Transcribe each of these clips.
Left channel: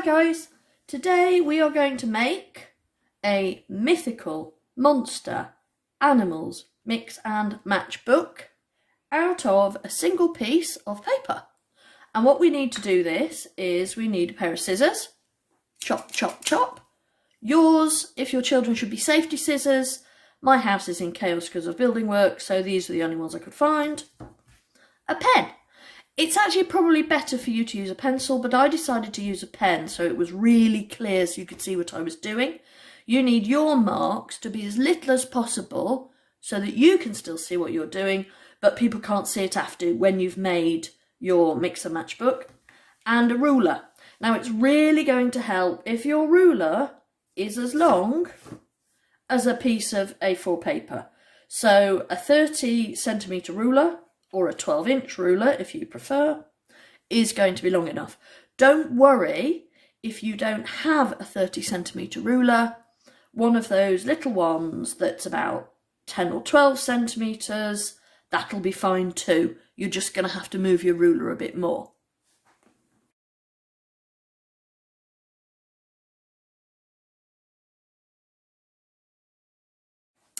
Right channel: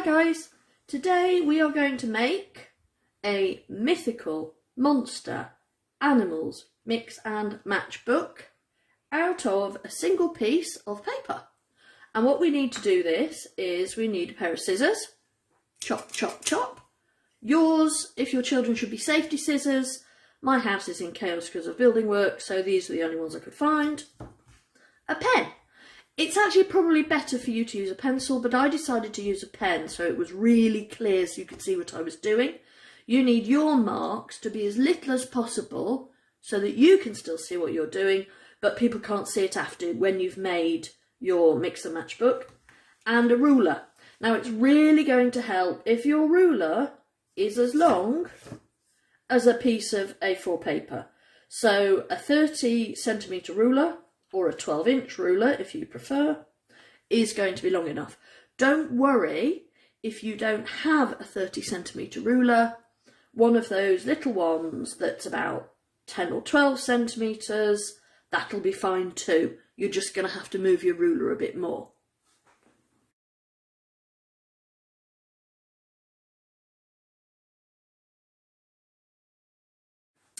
Hi guys, today we are going to make a mythical monster animals mix and match book out of a single piece of paper. And what we need to do this is we need a pair of scissors, chop, chop, chop. Yours, if your children, should be safety scissors. My house is in chaos because of building work, so these are the only ones I could find. A pen. It's actually probably better for you to use a pencil, but I decided to use a pen so it was really clear so you could see what I was doing. You need your marks to be as little as possible so that you can still see what you're doing, but people can't see it after when you've made your mix and match book. And a ruler. Now it's really going to help if your ruler is as long as a piece of A4 paper. So a 30cm ruler, or a 12-inch ruler if you prefer, is going to be long enough. Don't worry if you don't have a 30cm ruler. One of those little ones that's about 10 or 12 centimetres, that'll be fine too. You're just going to have to move your ruler a bit more.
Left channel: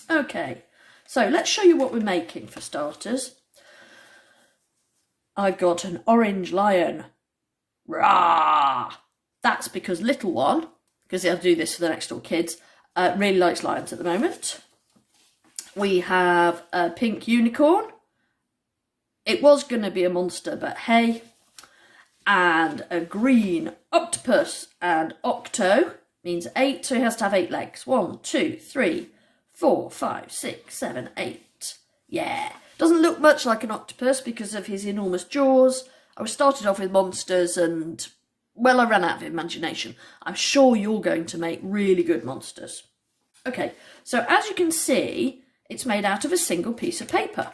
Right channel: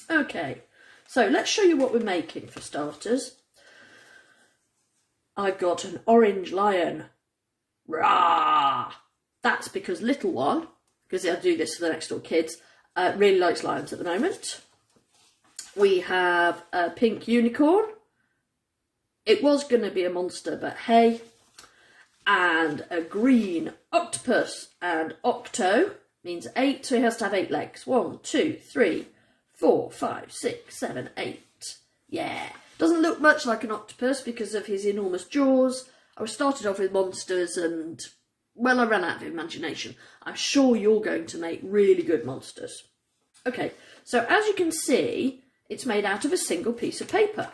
Okay, so let's show you what we're making for starters. I've got an orange lion. Rah! That's because little one, because I'll do this for the next door kids, really likes lions at the moment. We have a pink unicorn. It was going to be a monster, but hey. And a green octopus, and octo means 8, so he has to have 8 legs. 1, 2, 3, 4, 5, 6, 7, 8. Yeah. Doesn't look much like an octopus because of his enormous jaws. I started off with monsters and, well, I ran out of imagination. I'm sure you're going to make really good monsters. Okay, so as you can see, it's made out of a single piece of paper.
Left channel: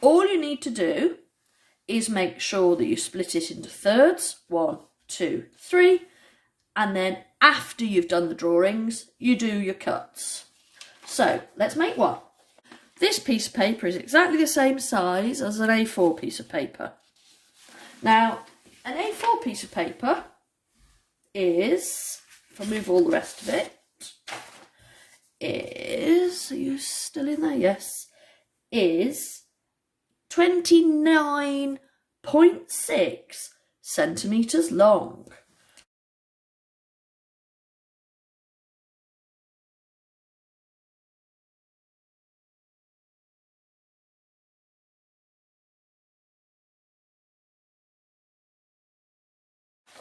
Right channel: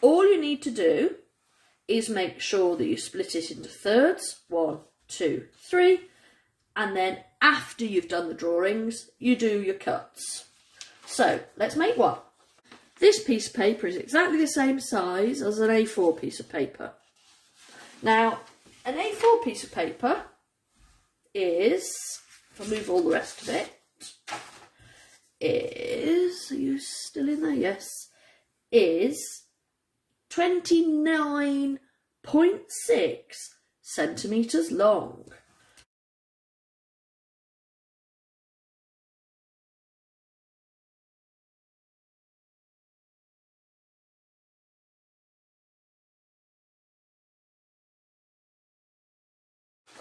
All you need to do is make sure that you split it into thirds. 1, 2, 3. And then after you've done the drawings, you do your cuts. So let's make one. This piece of paper is exactly the same size as an A4 piece of paper. Now, an A4 piece of paper is, if I move all the rest of it, are you still in there? Yes. Is 29.6 centimetres long.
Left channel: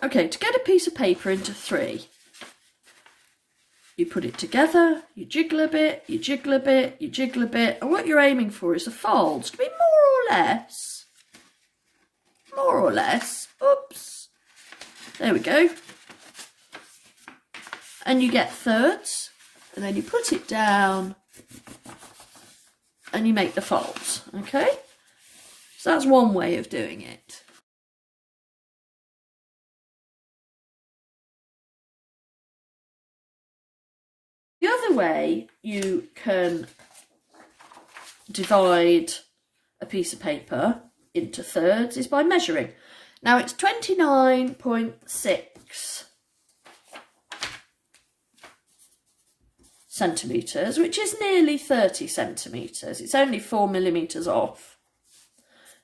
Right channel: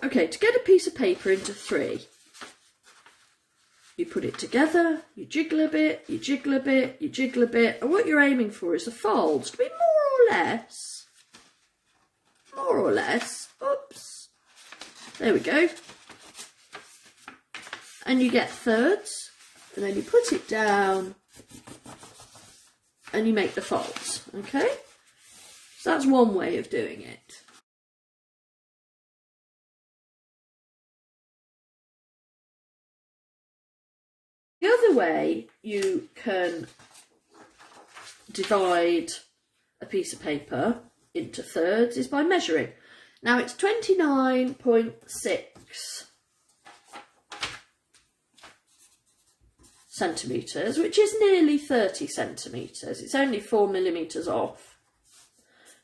Okay, to get a piece of paper into 3, you put it together, you jiggle a bit, you jiggle a bit, you jiggle a bit, and what you're aiming for is the folds to be more or less, oops, there we go, and you get thirds, and then you put it down, and you make the folds, okay? So that's one way of doing it. The other way you can divide a piece of paper into thirds is by measuring. Now it's 29.6 centimetres, which is nearly 30 centimetres. It's only 4 millimetres off.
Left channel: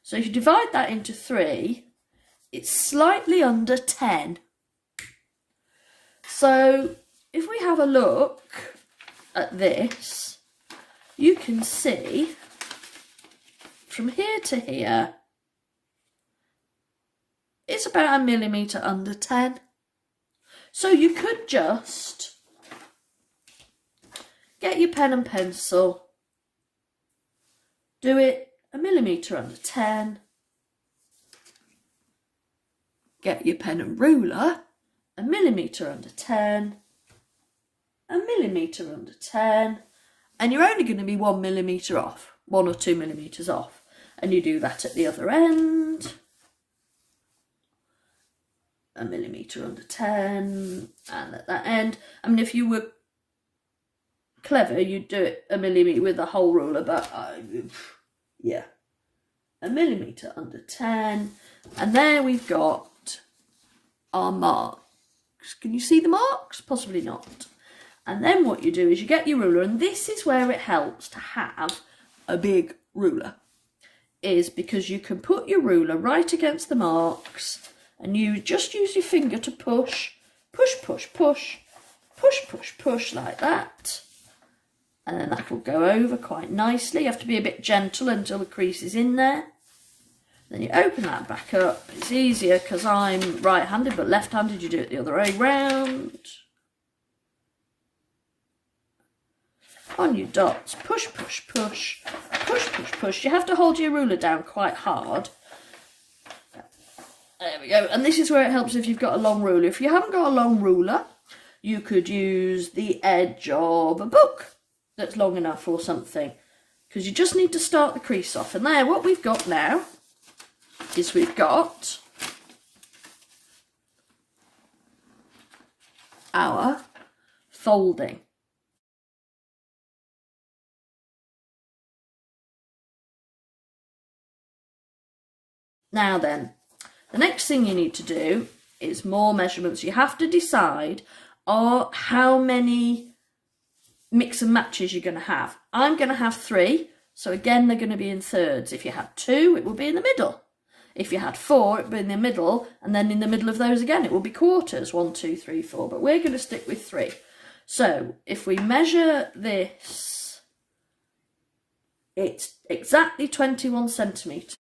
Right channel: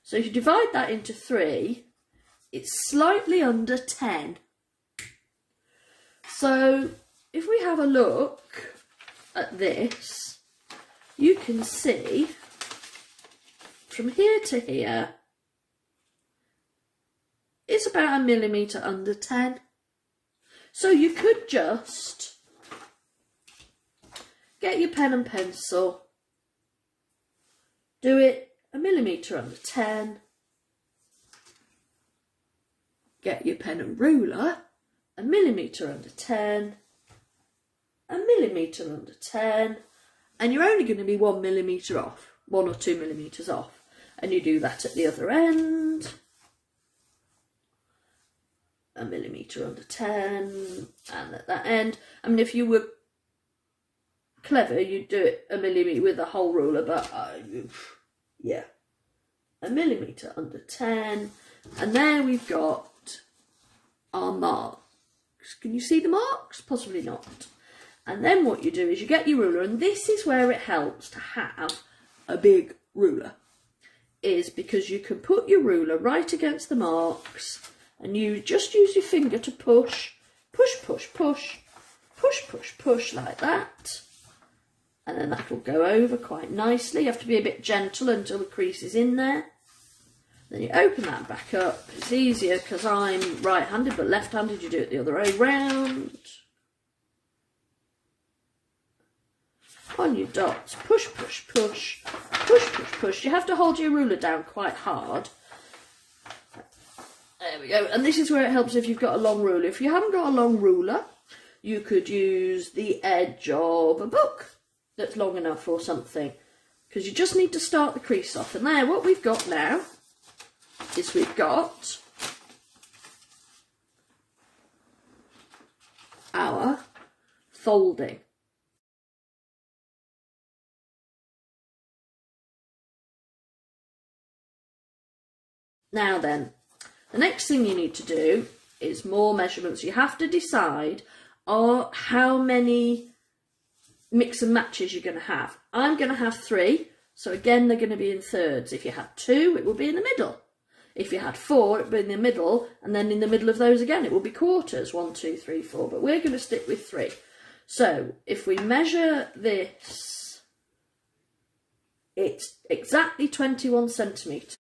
So if you divide that into 3, it's slightly under 10. So if we have a look at this, you can see from here to here, it's about 1 millimetre under 10. So you could just get your pen and pencil, do it 1 millimetre under 10, get your pen and ruler, 1 millimetre under 10, 1 millimetre under 10, and you're only going to be 1 millimetre off, 1 or 2 millimetres off, and you do that at the other end, 1 millimetre under 10, and at that end. I mean, if you were clever, you'd do it 1 millimetre with a whole ruler, but yeah, 1 millimetre under 10, and there we've got our mark. Can you see the marks? Possibly not. And then what you do is you get your ruler, and this is where it helps to have a big ruler, is because you can put your ruler right against the marks and you just use your finger to push, push, push, push, push, push, push like that. And then that will go over quite nicely. You have to be a bit gentle until the crease is in there. Then you open that back up. It's easier because I'm right-handed, but left-handed you do it the other way round. On your dots, push, push, push, push, push, push. You have to hold your ruler down quite hard. There we go. And this is where it helps if you've got a long ruler. If you haven't got a long ruler, you could use the edge of a book that's long enough or something, because you just need to start the crease off. And there, what we've got now is we've got our folding. Now then, the next thing you need to do is more measurements. You have to decide how many mix and matches you're going to have. I'm going to have 3, so again they're going to be in thirds. If you had 2, it will be in the middle. If you had 4, it would be in the middle, and then in the middle of those again it will be quarters, 1, 2, 3, 4, but we're going to stick with 3. So if we measure this, it's exactly 21 centimetres.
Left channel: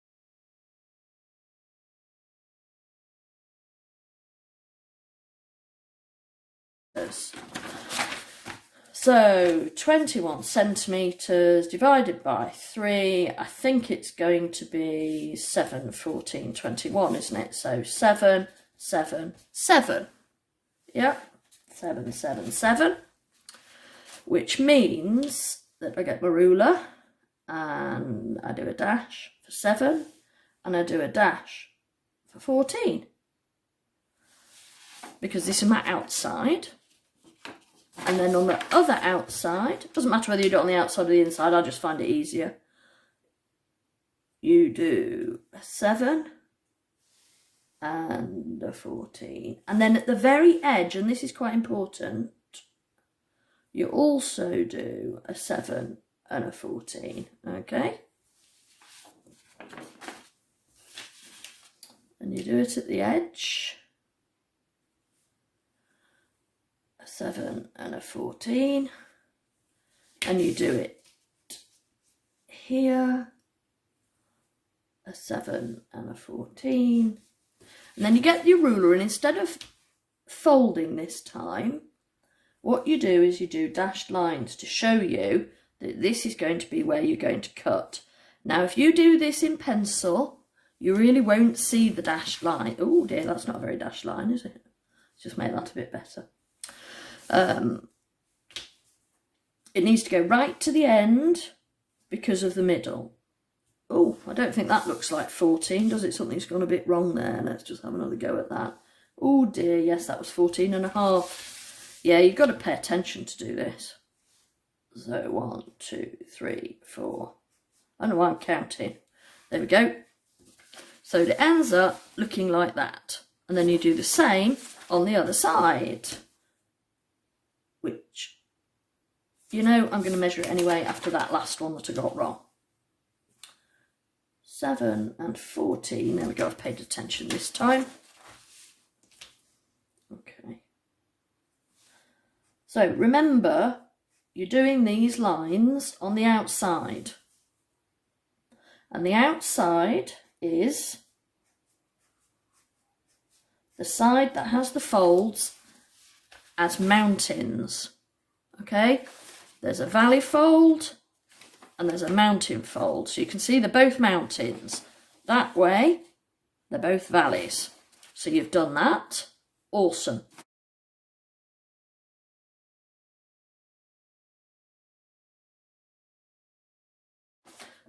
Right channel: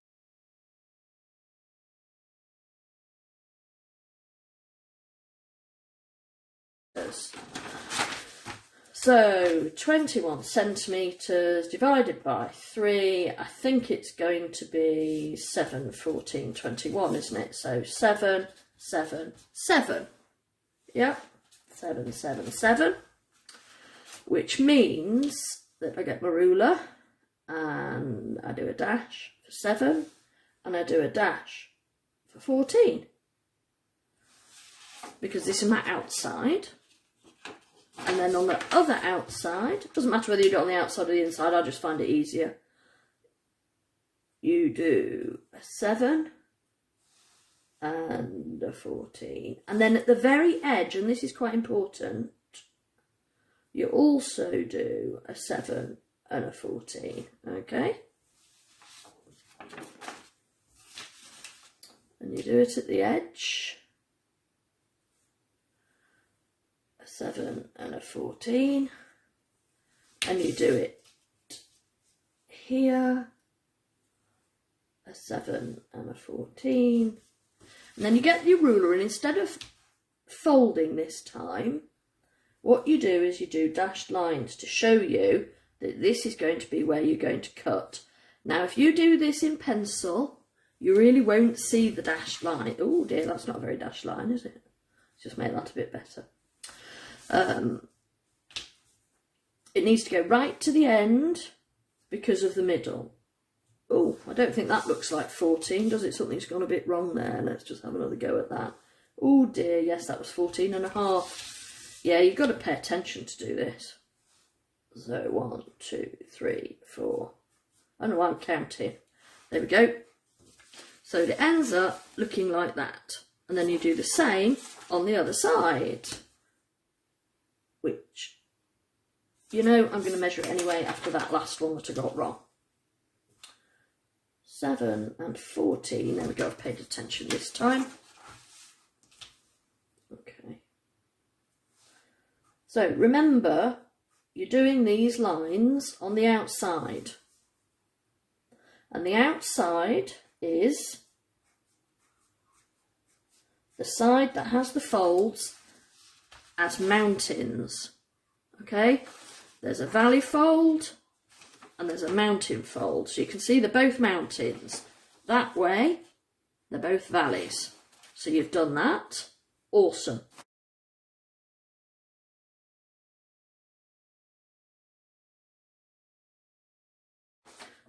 So 21 centimetres divided by 3, I think it's going to be 7, 14, 21, isn't it? So 7, 7, 7. Yep, 7, 7, 7. Which means that I get my ruler and I do a dash for 7 and I do a dash for 14. Because this is my outside. And then on the other outside, doesn't matter whether you do it on the outside or the inside, I just find it easier. You do a 7 and a 14. And then at the very edge, and this is quite important, you also do a 7 and a 14, okay? And you do it at the edge. 7 and a 14, and you do it here, a 7 and a 14, and then you get your ruler, and instead of folding this time, what you do is you do dashed lines to show you that this is going to be where you're going to cut. Now if you do this in pencil, you really won't see the dashed line. Oh dear, that's not a very dashed line, is it? Let's just make that a bit better. It needs to go right to the end because of the middle. Oh, I don't think that looks like 14, does it? Something's gone a bit wrong there. Let's just have another go at that. Oh dear, yes, that was 14 and a half. Yeah, you've got to pay attention to do this. So 1, 2, 3, 4. I know I'm counting. There we go. So it ends up looking like that. And then you do the same on the other side. Which, you know, I'm going to measure it anyway after that last one that I got wrong. 7 and 14. There we go, I've paid attention this time. Okay. So remember, you're doing these lines on the outside. And the outside is the side that has the folds as mountains, okay? There's a valley fold and there's a mountain fold. So you can see they're both mountains. That way, they're both valleys. So you've done that. Awesome.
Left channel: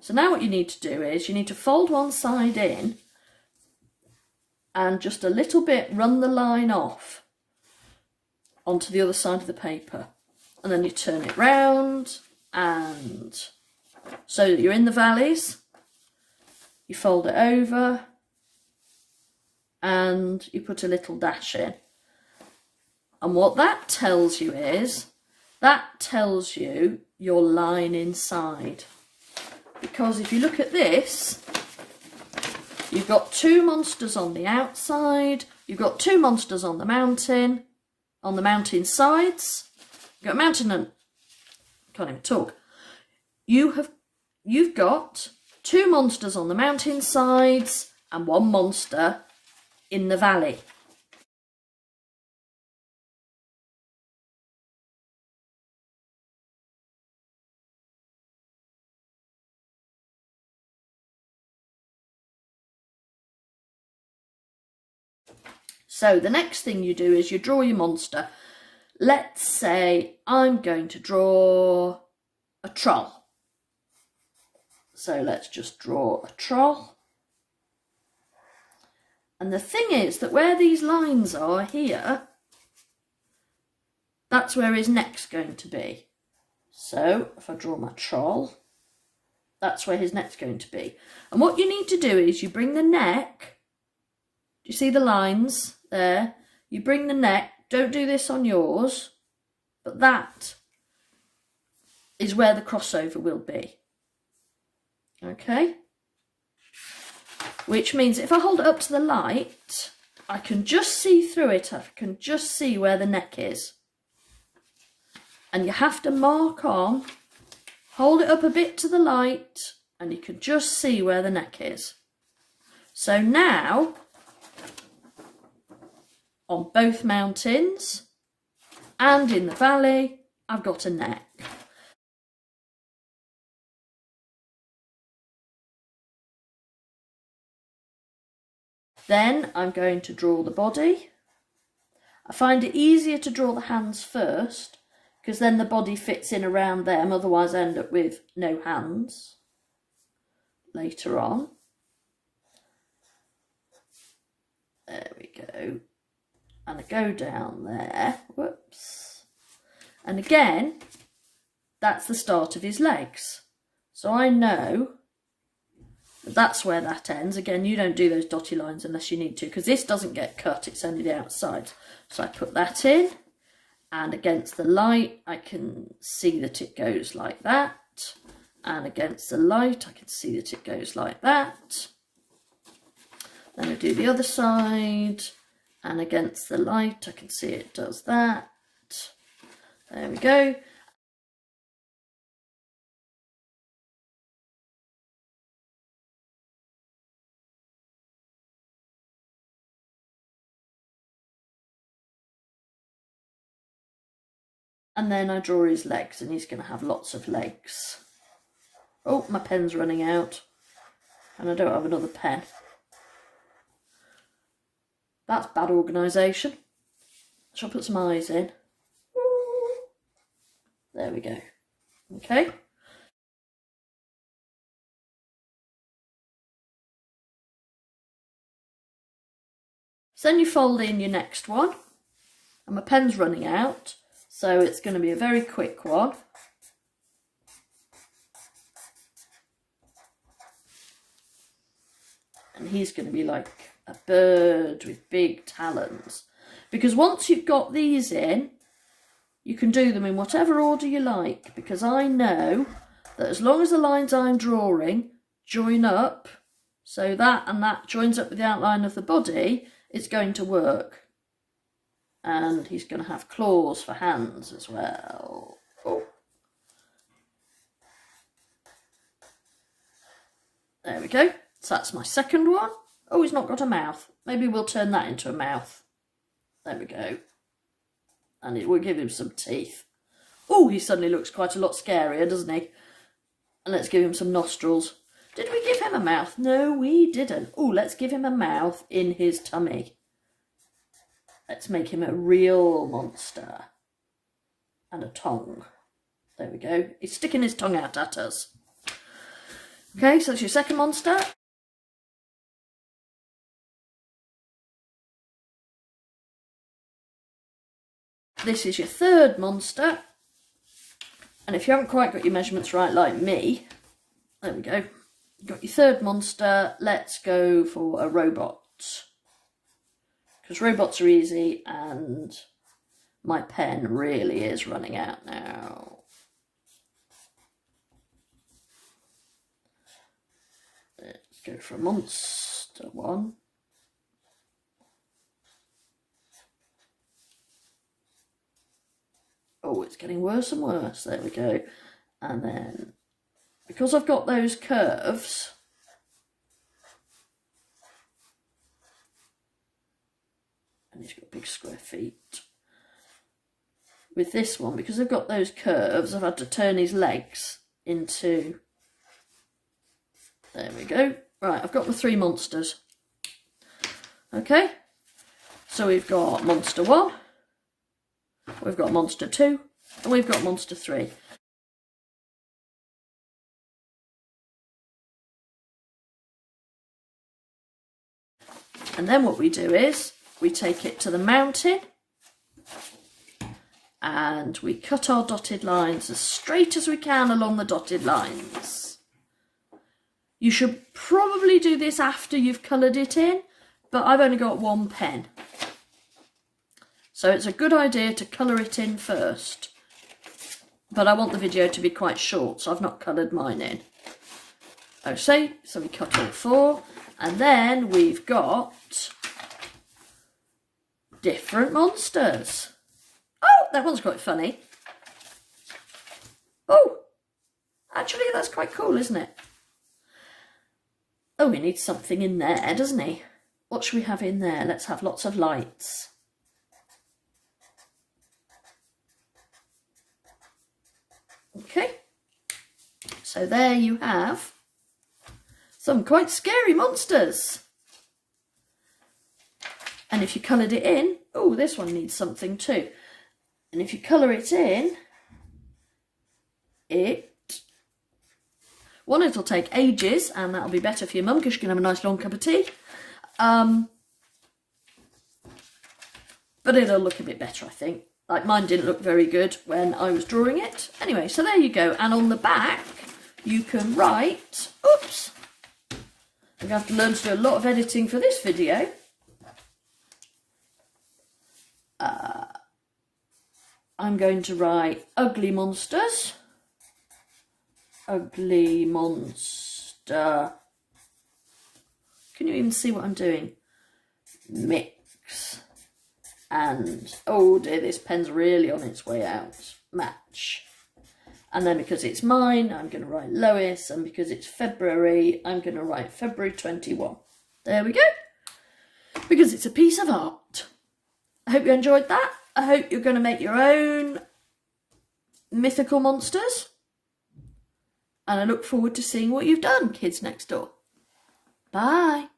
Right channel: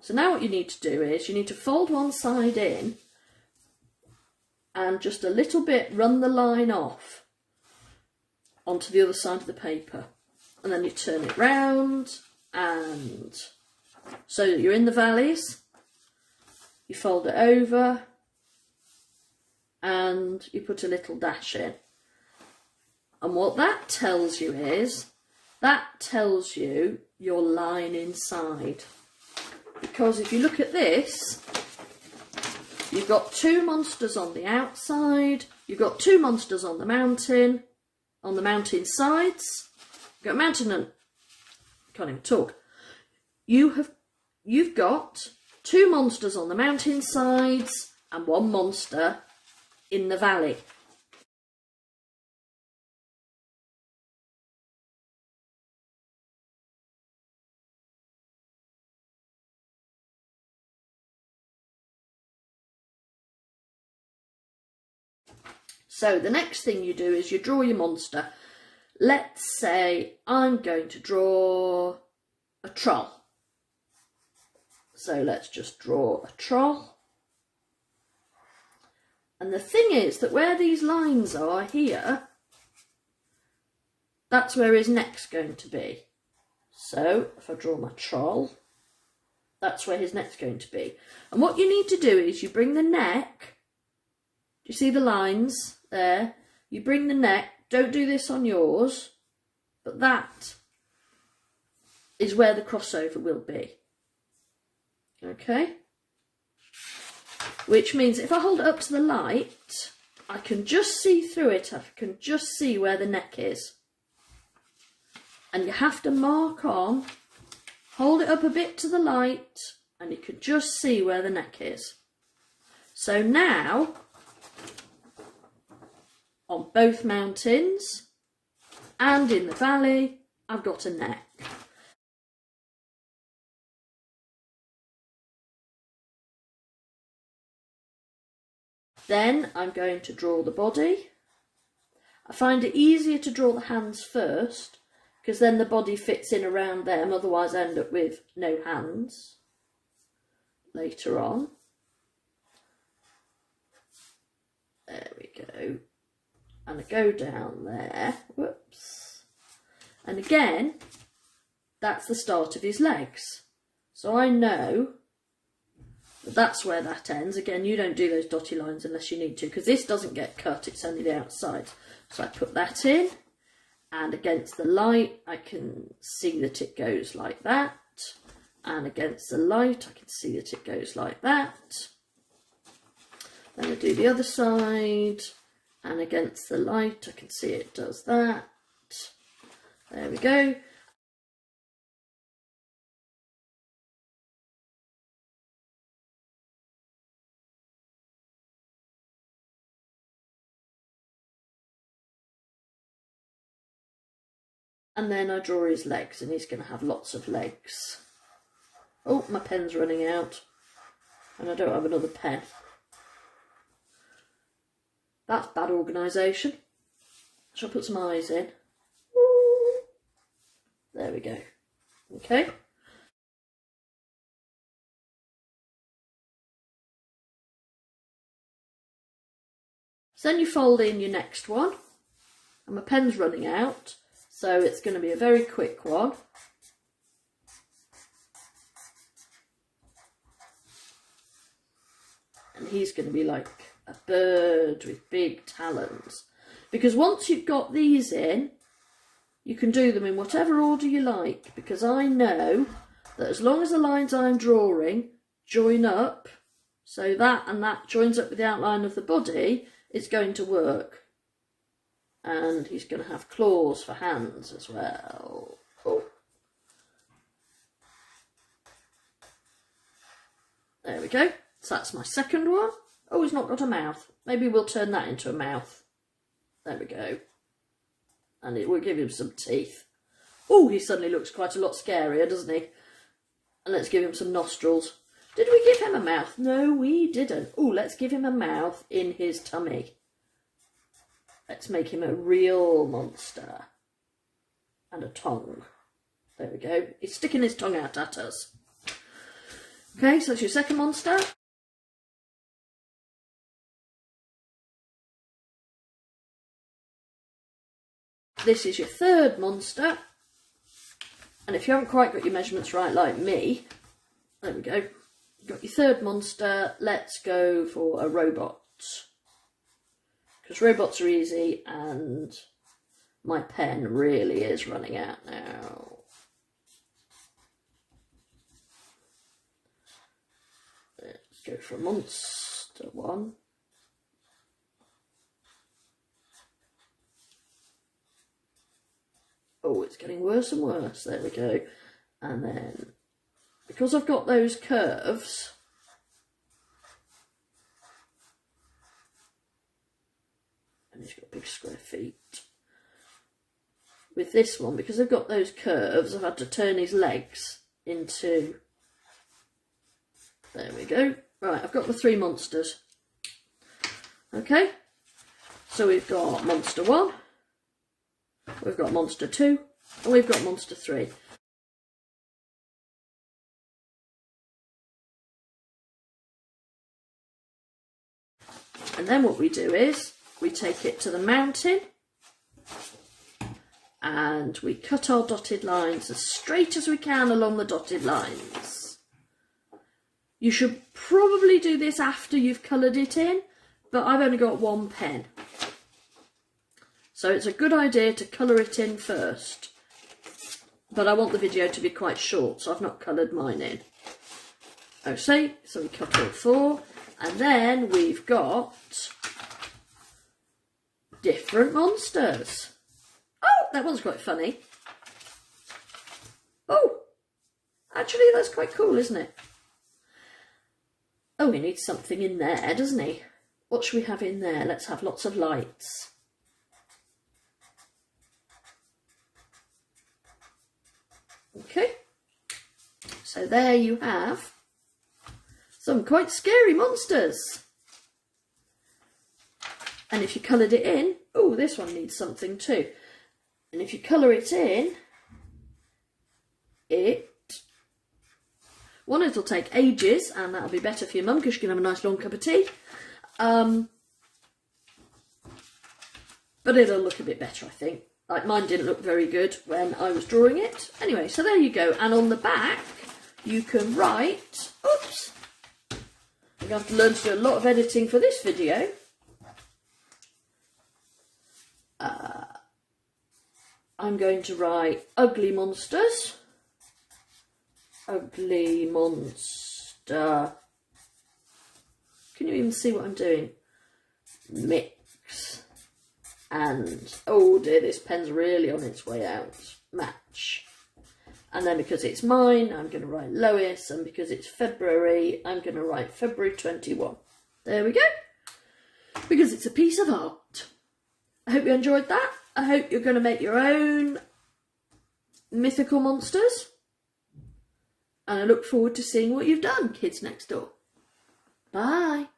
So now what you need to do is you need to fold one side in and just a little bit run the line off onto the other side of the paper, and then you turn it round, and so that you're in the valleys, you fold it over and you put a little dash in. And what that tells you is, that tells you your line inside. Because if you look at this, you've got two monsters on the outside, you've got two monsters on the mountain sides. You've got a mountain and, can't even talk. You've got two monsters on the mountain sides and one monster in the valley. So the next thing you do is you draw your monster. Let's say I'm going to draw a troll. So let's just draw a troll. And the thing is that where these lines are here, that's where his neck's going to be. So if I draw my troll, that's where his neck's going to be. And what you need to do is you bring the neck, do you see the lines there? You bring the neck, don't do this on yours, but that is where the crossover will be. Okay? Which means if I hold it up to the light, I can just see through it, I can just see where the neck is. And you have to mark on, hold it up a bit to the light, and you can just see where the neck is. So now, on both mountains and in the valley, I've got a neck. Then I'm going to draw the body. I find it easier to draw the hands first, because then the body fits in around them, otherwise I end up with no hands later on. There we go. And I go down there, whoops. And again, that's the start of his legs. So I know that that's where that ends. Again, you don't do those dotty lines unless you need to, because this doesn't get cut, it's only the outside. So I put that in, and against the light, I can see that it goes like that. And against the light, I can see that it goes like that. Then I do the other side. And against the light, I can see it does that. There we go. And then I draw his legs, and he's going to have lots of legs. Oh, my pen's running out. And I don't have another pen. That's bad organisation. Shall I put some eyes in? There we go. Okay. So then you fold in your next one. And my pen's running out, so it's going to be a very quick one. And he's going to be like a bird with big talons. Because once you've got these in, you can do them in whatever order you like. Because I know that as long as the lines I'm drawing join up, so that and that joins up with the outline of the body, it's going to work. And he's going to have claws for hands as well. Oh. There we go. So that's my second one. Oh, he's not got a mouth. Maybe we'll turn that into a mouth. There we go. And it will give him some teeth. Oh, he suddenly looks quite a lot scarier, doesn't he? And let's give him some nostrils. Did we give him a mouth? No, we didn't. Oh, let's give him a mouth in his tummy. Let's make him a real monster. And a tongue. There we go. He's sticking his tongue out at us. Okay, so that's your second monster. This is your third monster. And if you haven't quite got your measurements right like me, there we go. You've got your third monster. Let's go for a robot. Because robots are easy and My pen really is running out now. Let's go for a monster one. Oh, it's getting worse and worse. There we go. And then, because I've got those curves, and he's got big square feet. With this one, because I've got those curves, I've had to turn his legs into... There we go. Right, I've got the 3 monsters. Okay, so we've got monster 1, we've got monster 2, and we've got monster 3. And then what we do is we take it to the mountain and we cut our dotted lines as straight as we can along the dotted lines. You should probably do this after you've coloured it in, but I've only got 1 pen. So it's a good idea to colour it in first. But I want the video to be quite short, so I've not coloured mine in. Okay, so we cut all 4, and then we've got different monsters. Oh, that one's quite funny. Oh, actually that's quite cool, isn't it? Oh, he needs something in there, doesn't he? What should we have in there? Let's have lots of lights. Okay, so there you have some quite scary monsters. And if you coloured it in, oh, this one needs something too. And if you colour it in, it'll take ages, and that'll be better for your mum because you can have a nice long cup of tea. But it'll look a bit better, I think. Like, mine didn't look very good when I was drawing it. Anyway, so there you go. And on the back, you can write... Oops! I'm going to have to learn to do a lot of editing for this video. I'm going to write ugly monsters. Ugly monster. Can you even see what I'm doing? Mix. And, oh dear, this pen's really on its way out. Match. And then because it's mine, I'm going to write Lois. And because it's February, I'm going to write February 21. There we go. Because it's a piece of art. I hope you enjoyed that. I hope you're going to make your own mythical monsters. And I look forward to seeing what you've done, kids next door. Bye.